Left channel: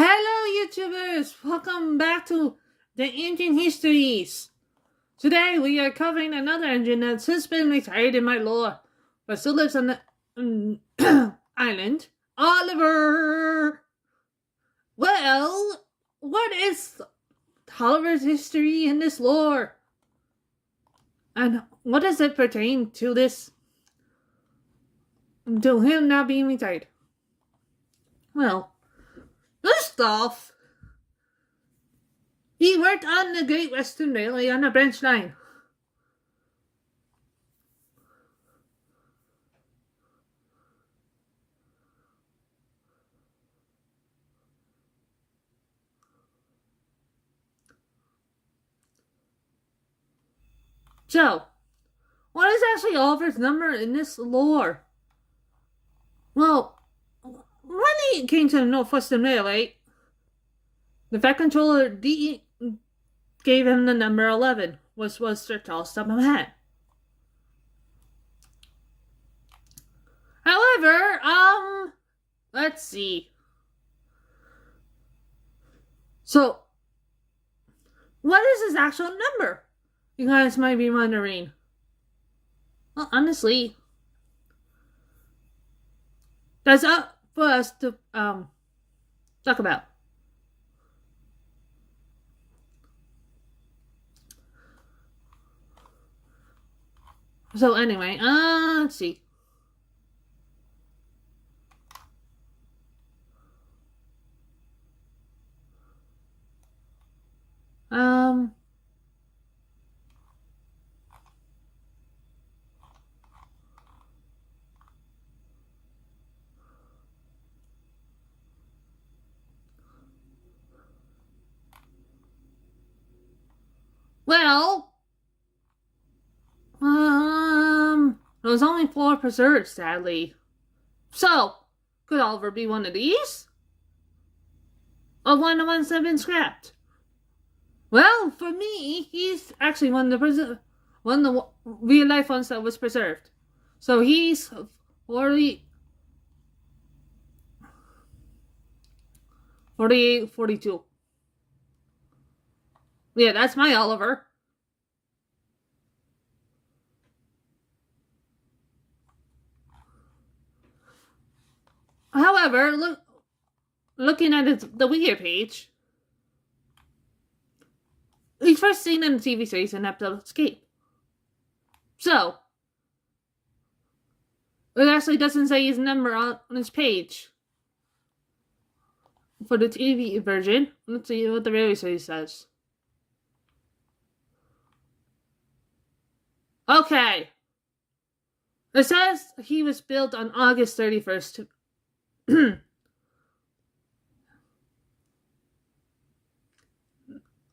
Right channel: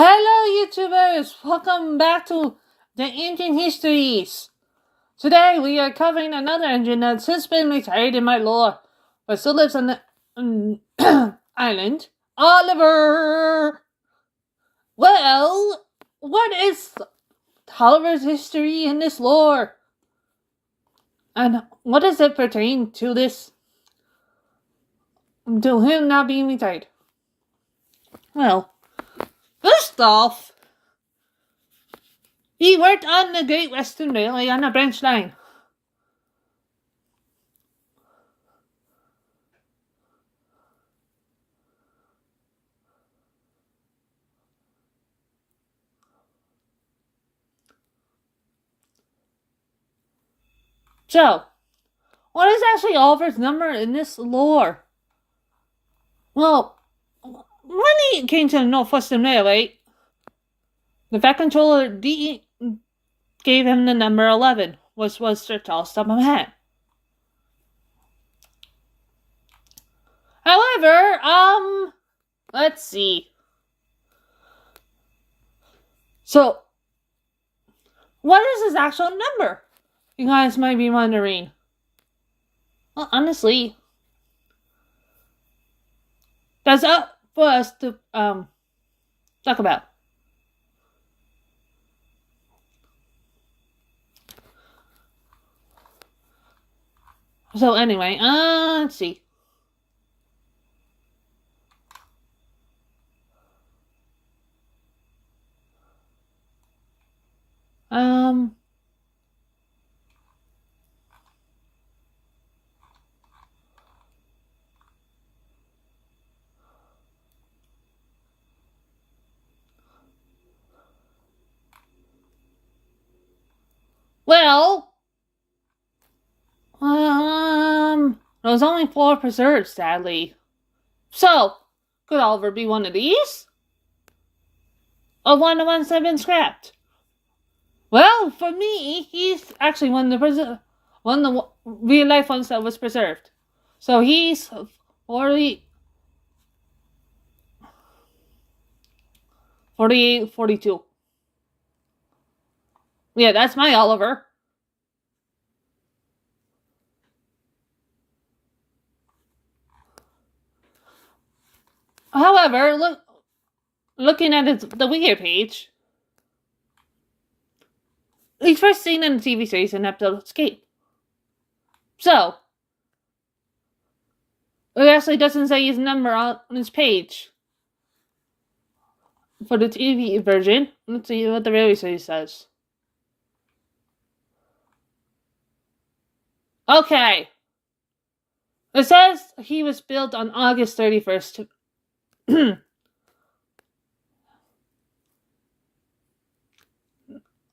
Hello, YouTubers! Welcome back to the Engine Histories. Today we are covering another engine that's since been retired in my lore, but still lives on the island. Oliver! Well, what is Oliver's history in this lore? And what does it pertain to this? To him not being retired? Well, first off, he worked on the Great Western Railway on a branch line. So, what is actually Oliver's number in this lore? Well, when he came to the North Western Railway, the Fat Controller D gave him the number 11, which was Sir Charles Tubman. However, let's see. So, what is his actual number? You guys might be wondering. Well, honestly, that's up for us to talk about. So anyway, let's see. Well, there's only 4 preserved, sadly. So, could Oliver be one of these? Or one of the ones that have been scrapped? Well, for me, he's actually one of the real life ones that was preserved. So he's 48, 42. Yeah, that's my Oliver. However, looking at the Wiki page, he's first seen in the TV series in episode Escape. So, it actually doesn't say his number on his page. For the TV version, let's see what the railway series says. Okay. It says he was built on August 31st.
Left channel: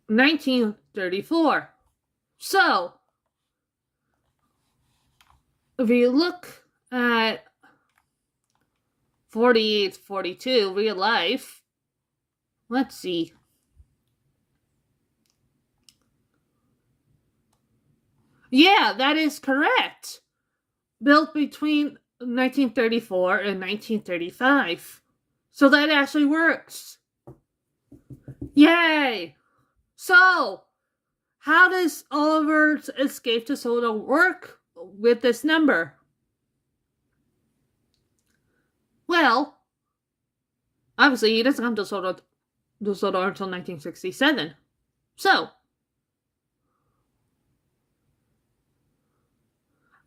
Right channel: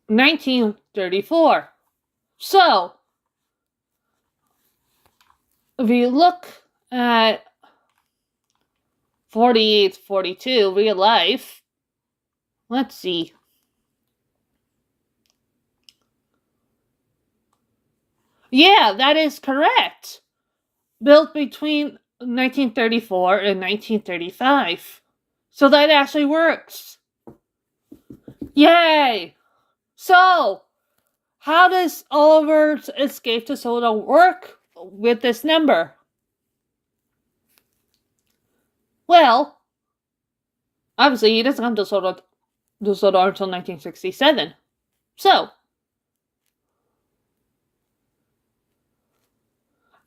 1934. So, if you look at 48, 42, real life, let's see. Yeah, that is correct. Built between 1934 and 1935. So that actually works. Yay! So, how does Oliver's Escape to Sodor work with this number? Well, obviously he doesn't come to Sodor until 1967. So,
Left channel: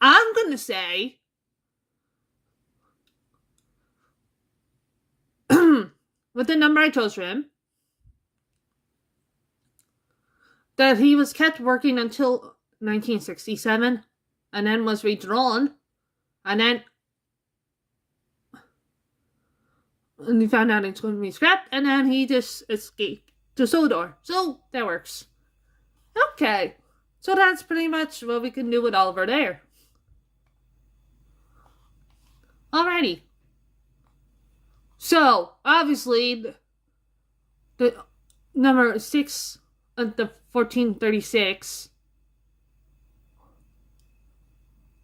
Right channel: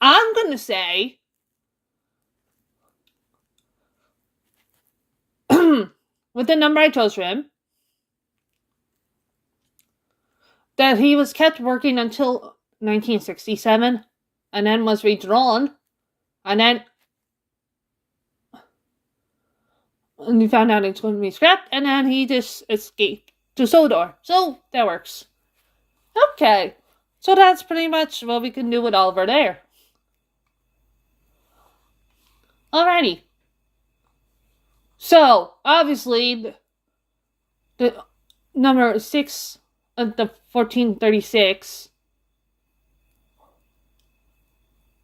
I'm going to say with the number I chose for him, that he was kept working until 1967 and then was redrawn, and then he found out it's going to be scrapped, and then he just escaped to Sodor. So that works. Okay, so that's pretty much what we can do with Oliver there. Alrighty. So, obviously, the number 6 at the 1436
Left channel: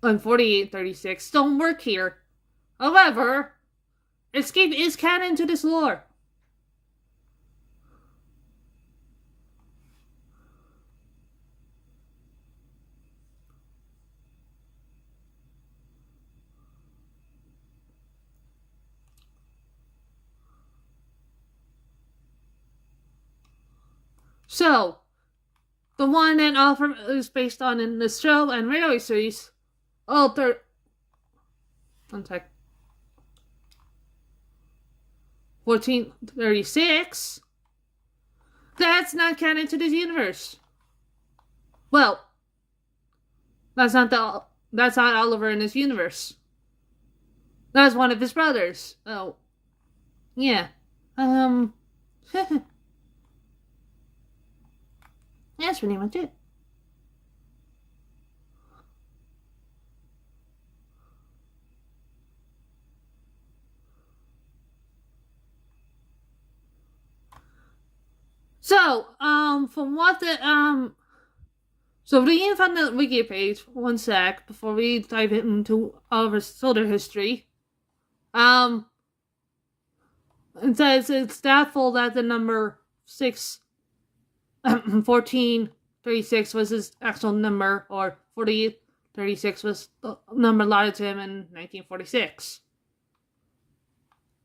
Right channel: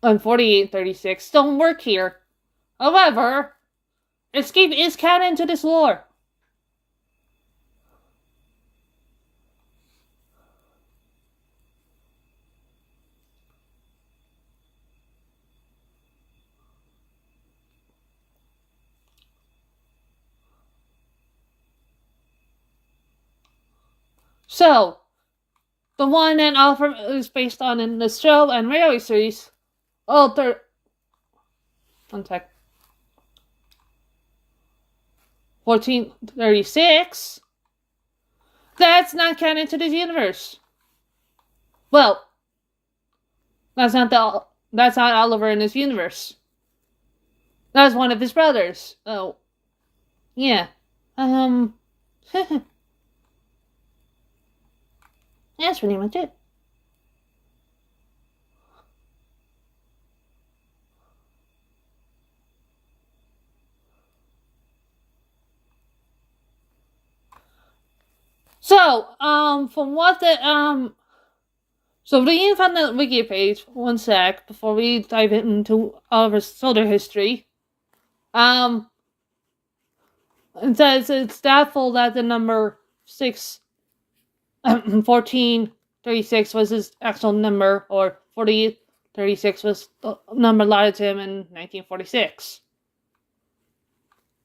and 4836 don't work here. However, Escape is canon to this lore. So, the one that Oliver is based on in the show and radio series, one sec. 1436, that's not canon to this universe. Well, that's not Oliver in this universe. That's one of his brothers. Oh, yeah. That's pretty much it. So, from what so reading from the wiki page, one sec, before we dive into Oliver's solar history. It says it's doubtful that the number 1436 was his actual number, or 4036 was the number allotted to him in 1946.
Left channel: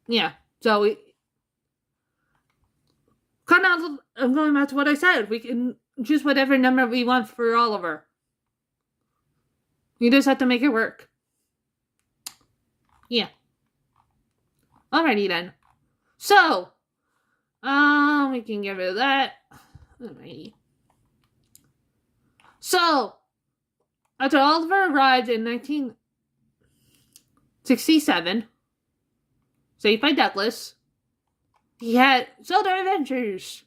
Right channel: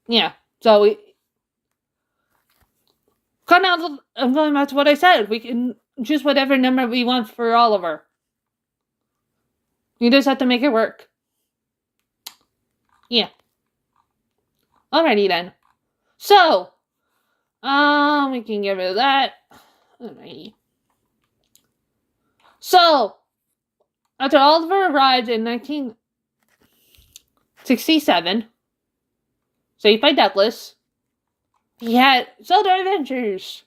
Yeah, so I'm going back to what I said. We can choose whatever number we want for Oliver. You just have to make it work. Yeah. Alrighty then. So, we can get rid of that. Alrighty. So, after Oliver arrived in 1967, saved by Douglas, he had solar adventures.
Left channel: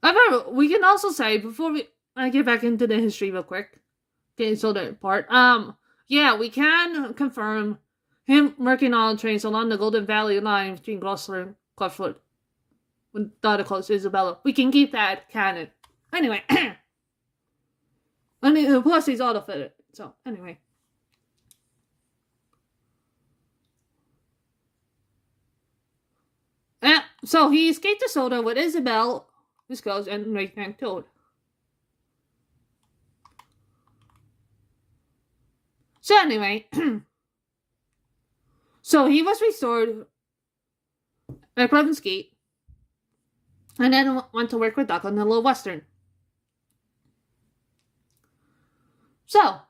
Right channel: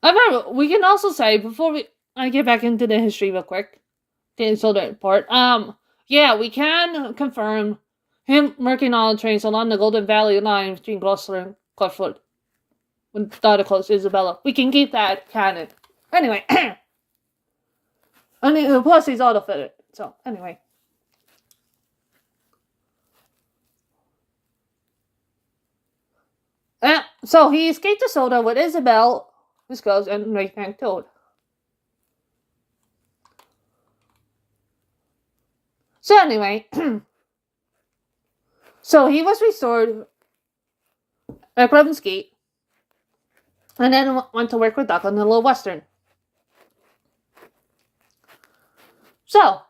However, we can also say, before I get back into the history real quick, the solar part, yeah, we can confirm him working on trains along the Golden Valley line between Gloucester and Clutchwood. When daughter close Isabella. We can keep that canon. Anyway. Plus he's auto-fitted. So, anyway. So he escaped the soda with Isabel, this goes, and Ray Frank Toad. So anyway, so he was restored at Cleveland's Gate, and then went to work with Doc on the Little Western. So,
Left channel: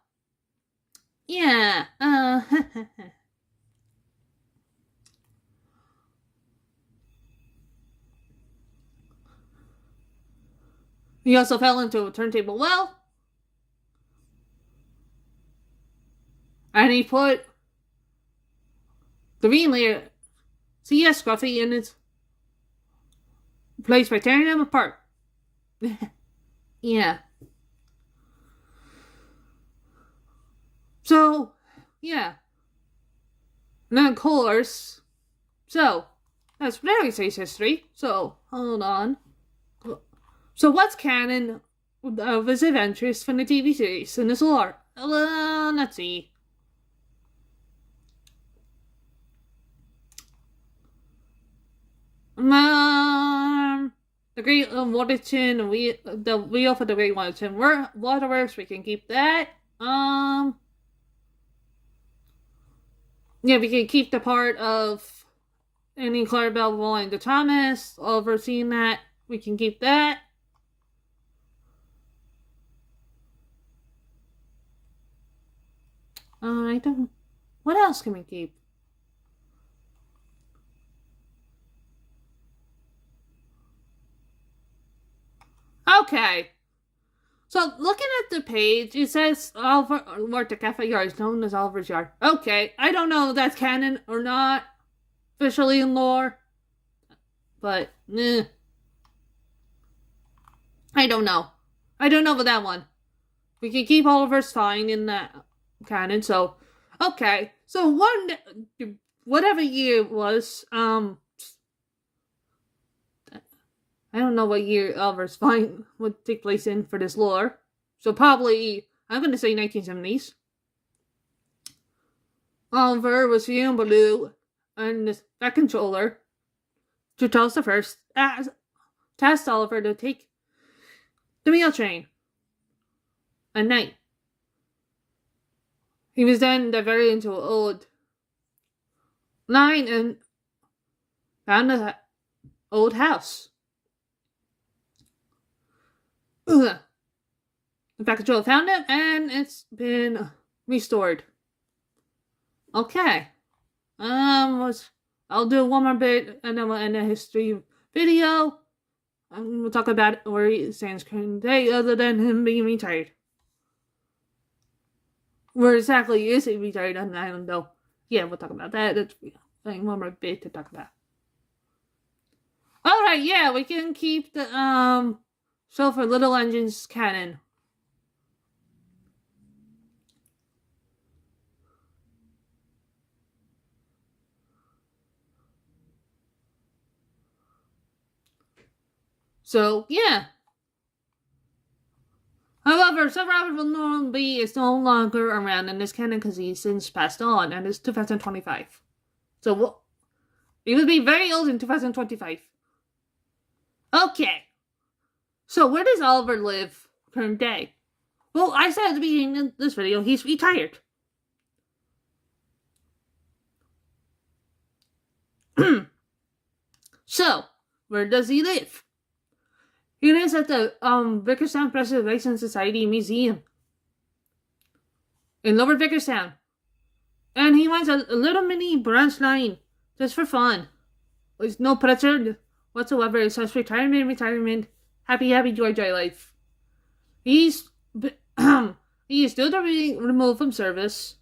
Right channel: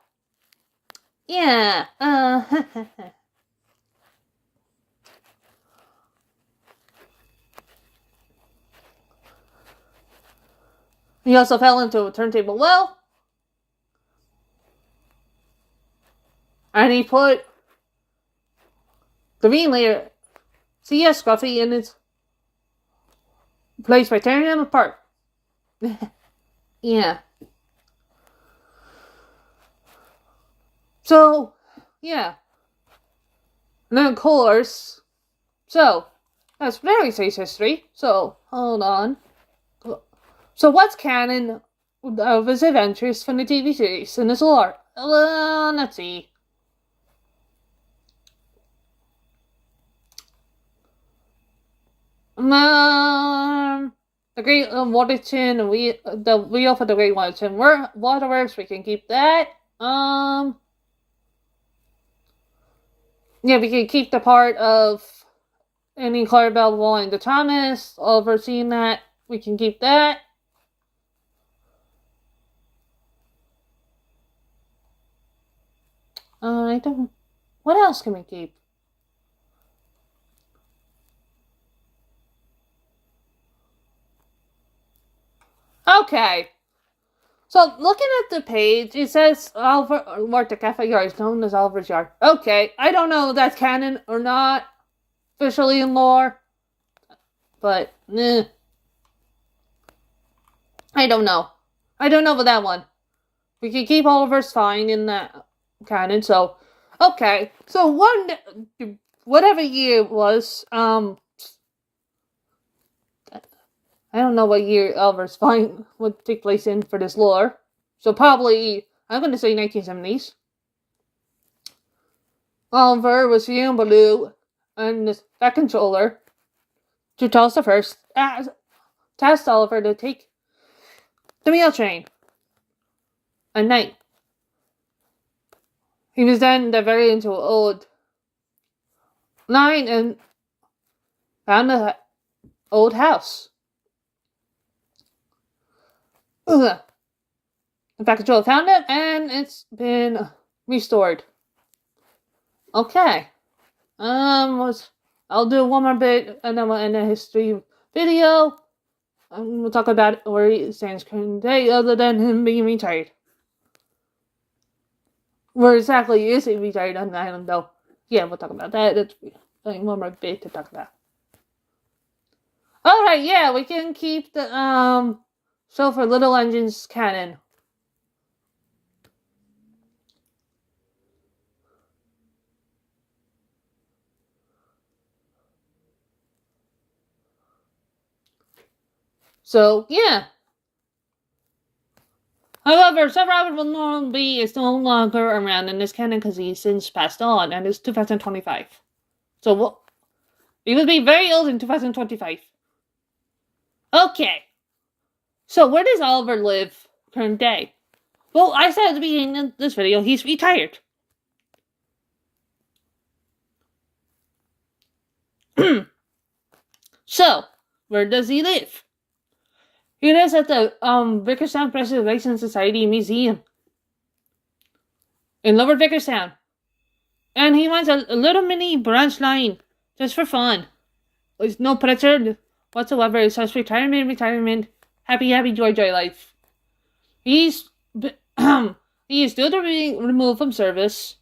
yeah, he also fell into a turntable well, and he put the ringleader, C.S. Scruffy, in his place by tearing him apart. Yeah. So, yeah. And then, of course, so, that's very safe history. So, hold on. So, what's canon of his adventures from the TV series in his lore? Let's see. The Great Waterton, the wheel for the Great Waterton Waterworks, we can keep that. Yeah, we can keep the part of any Clarabelle Wall and the Thomas, overseeing that. We can keep that. I don't. What else can we keep? Okay. So, looking at the page, it says Oliver, or the cafe yard is known as Oliver's Yard. Okay, I don't know if that's canon or not, officially in lore, but, I don't know. I don't know about that one. We can keep Oliver's fine in that canon, so, okay. So, whatever year it was, I don't know what year Oliver's Fine would take place in for this lore. So probably, I'm going to say 1970s. Oliver was young Baloo and that controller to Charles the First tasked Oliver to take the mail train at night He was then diverted into an old line and found an old house. In fact, Joel found it and it's been restored. Okay. I'll do one more bit and then we'll end the history video. And we'll talk about where he stands current day other than him being retired. Where exactly is he retired on the island though? Yeah, we'll talk about that. That's one more bit to talk about. Alright, yeah, we can keep the show for Little Engines canon. So, yeah. However, Sir Robert Willoughby is no longer around in this canon because he's since passed on, and it's 2025. So, he will be very old in 2025. Okay. So, where does Oliver live current day? Well, I said at the beginning of this video, he's retired. So, where does he live? He lives at the Vickerstown Preservation Society Museum in Lower Vickerstown. And he wants a little mini branch line just for fun. There's no pressure whatsoever. It's just retirement. Happy, joy life. He's due to be removed from service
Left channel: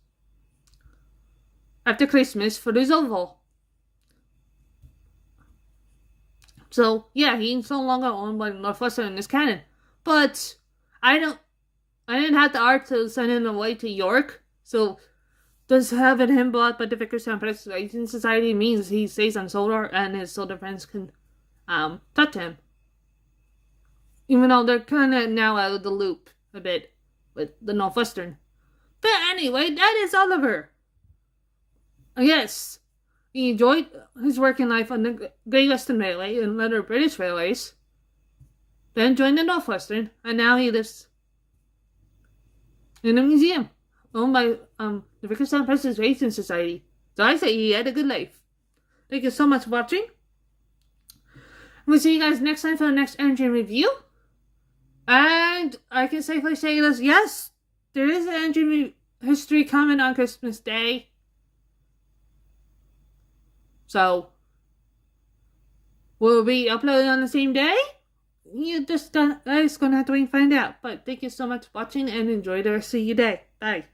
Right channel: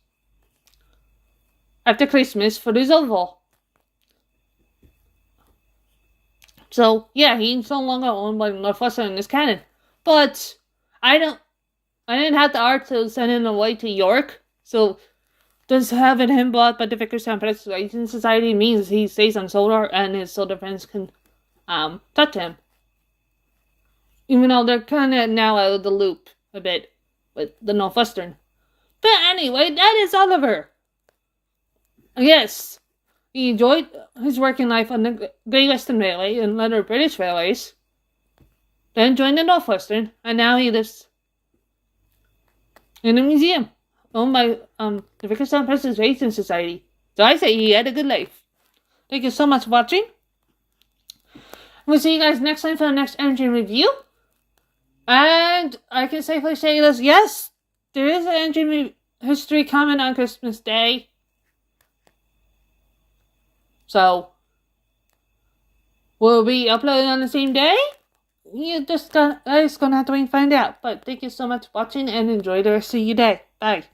after Christmas for his oval. So, yeah, he's no longer owned by Northwestern in this canon. But, I didn't have the art to send him away to York. So, just having him bought by the Vickerstown Preservation Society means he stays on Solar and his Solar friends can, touch him. Even though they're kind of now out of the loop a bit with the Northwestern. But anyway, that is Oliver. Yes. He enjoyed his working life on the Great Western Railway and other British railways. Then joined the Northwestern, and now he lives in a museum owned by the Vickerstown Preservation Society. So I say he had a good life. Thank you so much for watching. We'll see you guys next time for the next engine review. And I can safely say this, yes, there is an engine history coming on Christmas Day. So, will we upload on the same day? You just gonna have to find out. But thank you so much for watching and enjoy the rest of your day. Bye.